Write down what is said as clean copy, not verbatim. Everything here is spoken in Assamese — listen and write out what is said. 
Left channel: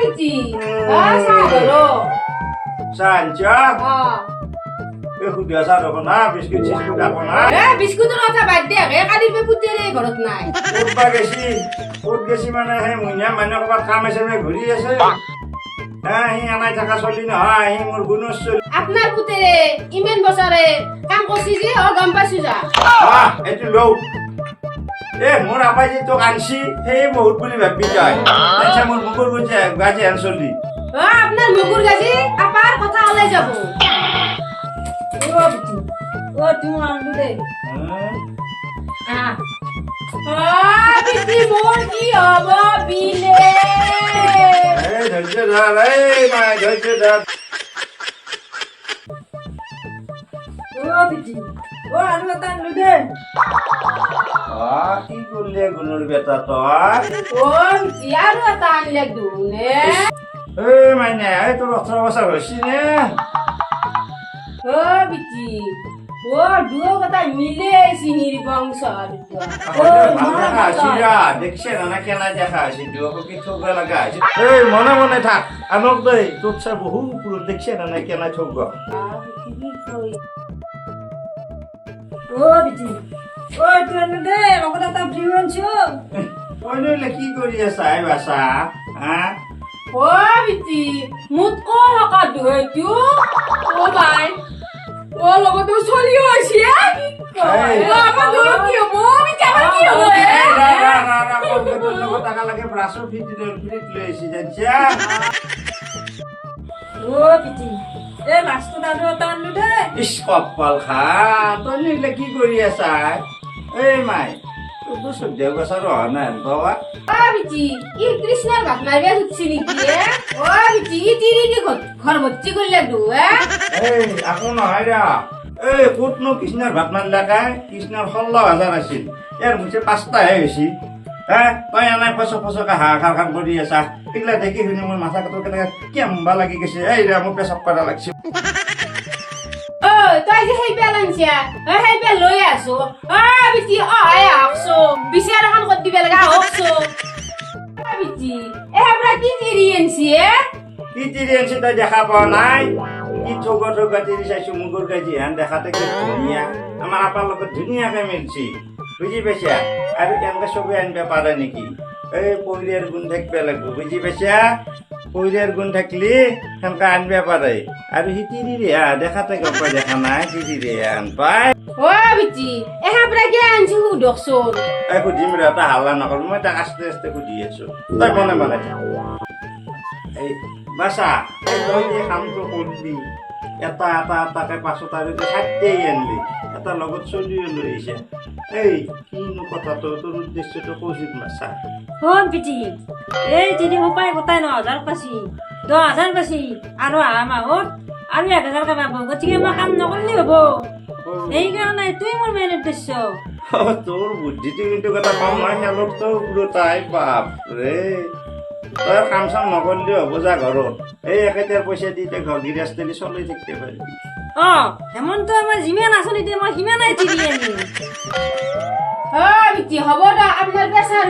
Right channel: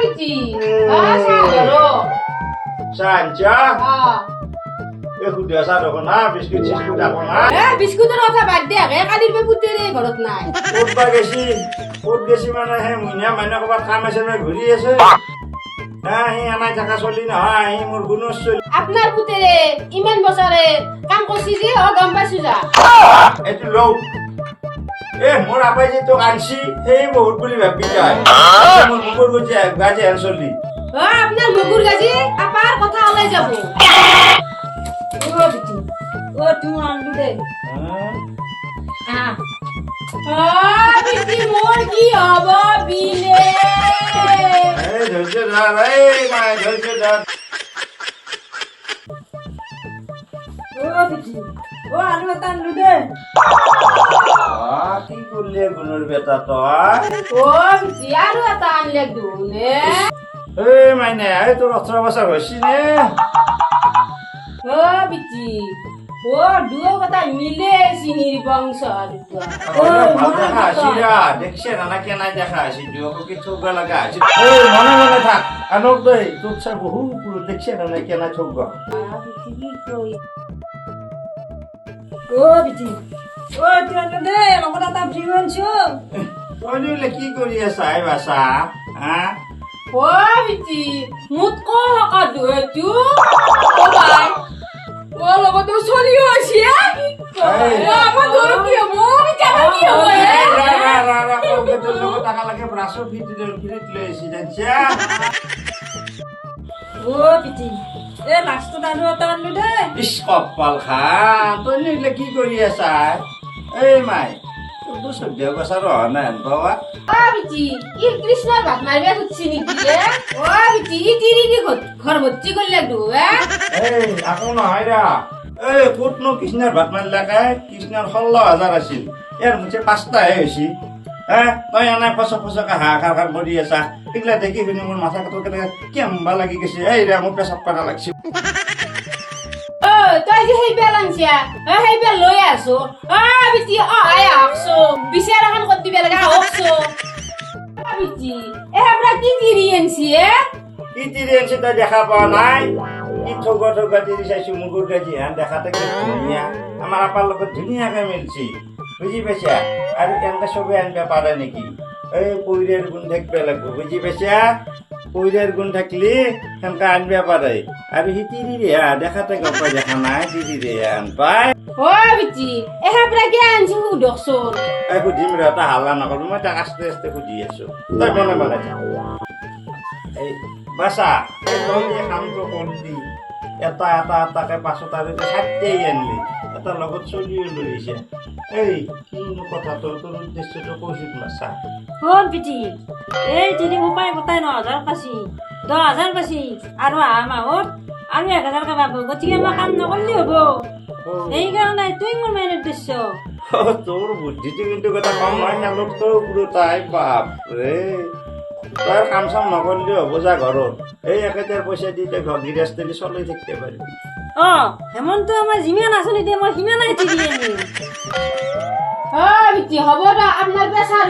বিটি Sanja. Sudah sadar kena biskuit sudah kena. বিস্কুটের কথা বাদ দে কালির পুতেরে ঘরত নাই Ud gesi mana he munya mana kau kamu sama guri ase. Ini anak cakap soli nah, ini murgunus soli. আপনার পুতেরে ইমেন বছরে কাম করছি যে ও গম পাইছো যা Itu low. Mur apa sih tu ansi? बहुत buli babi jai. Saya mur guje gaje ansoli. আপনার মুগুর গাজি আপার কথা আলাই যাব ও বিটি ও তুমি আনলু দে বিটি মোর কি হবো বিলে ধৈর্য ধর মাই ধৈর্য ধর ও বিটি ও আনলু তানলু দে কি করলে গুনুর বেটা তোর ও বিটি আরো এটা আনলে দুনে মাইনে তোর 18 বছর হয়েছি নে ও বিটি ও দুও কথা মিলে সিহির বংশ দেখছে না কেনা দেখা আছে দুকে ছোক লাগা আছে মনে মনে থাক আনক দেই তোর সে বহু পুরো দেখছে না কেনা ছোক ও বিটি ও তুই দে লগটা তা জীবন ছো ওইলে কি করি আছাই বাসা হ্যাঁ ও বিটি মুত কো হকা দুই তু ও ভাই ও লগত তো চলিও আছে ও আমার ধর কি হবো আমি কেমন কি হবো তোর লগত টাকা লাগে ব্রাশো ফিট লইছি জানছা ও বিটি এ মাছটো দানো টানলু দে ইস কপাল খা তই নিলে কি কৰি আছাই এই মাই তো সদ্য বছর না বাবা বিটি ই কৃষ্ণর ভাত মাইবে হচ্ছে নাকি ও বিটি তিরি কি ঘর ভর্তি করলে দু এই আকো নহয় রা এই কোটনো কৃষ্ণর ভাত মারলা কায় কৃষ্ণর 16,000 আছিল এর মুছে 5টা হইছি তই এনে ফসকে হাহাকাৰ কৰি আছা এগুলা দেখি শুনি মোৰ মাথা কাটো কেমবা লাগি গৈছে এই ৰে মোৰ পেচাব কৰা লাগছে তই যে সেই পেলাঞ্চিয়া সেই পেল লৈ আছো বিটি আই আহছো বিচাৰ এখন কৰি দিবে লগা হকছো বিটি আমৰা কি তিৰি আনছি কি তিৰি আনছি তই দেখা পোৱা নাই কি ঠগা তিৰি চাইছো মুগুৰ গাজি হান দেখাতে কি ধুনীয়া আমাৰ আপাৰ লগত ধুনীয়াকে মিলছি বুজি পাইছা আৰু এনেকে চবে আনবা পাৰে নেকি এই পইৰেৰ গুণ থাকিব লাগিব বুজি পাইছা পইরের গুণ থাকলে সেমকা আনবা পারে আর হি তিরি রে দেখাতে গপ দেখা নাই তিরি রে আন পাই ও বিটি আমরা কি আনছি হুডকছো খুঁজিম রে তা হাল্লা নকর মই তাক আস্তে আস্তে খুঁজি আছো তই মনে মনে থাক এই বাসা তই যে কামটো করলি এটা এটা এটাকে পাছত আৰু খাদ্যই আনলি এটা লগত চলিও লৈ আহিছে এই কিনো কথাটো তোর উদ্দেশ্যটো কৈছিল বাসা হন পিটি এই তিনি উপায় গোটাই 9,000 পাছি 10,000 পাছি আৰু মাহত আমি 1,000 কে পাবো গতিকে মই কাম নকৰলি হ'ব সেইকাৰণে তুই মোৰ মেইন উদ্দেশ্য তোর বুদ্ধিটো কিন্তু কথা কম হয় না লোক তো পুরো তাই বাপ রে তোর কাম চাম নকরলে হব যা ঘরত এই একেটার পয়সা দিতে ঘর গৃহস্থলী চলাই থাকতে পারবি হেমন্ত আমাৰ যিমান আঁচনি দিয়ে মই সিমানাই তিৰি আনিম বিটি হব দা আপনাৰ পেশাৰ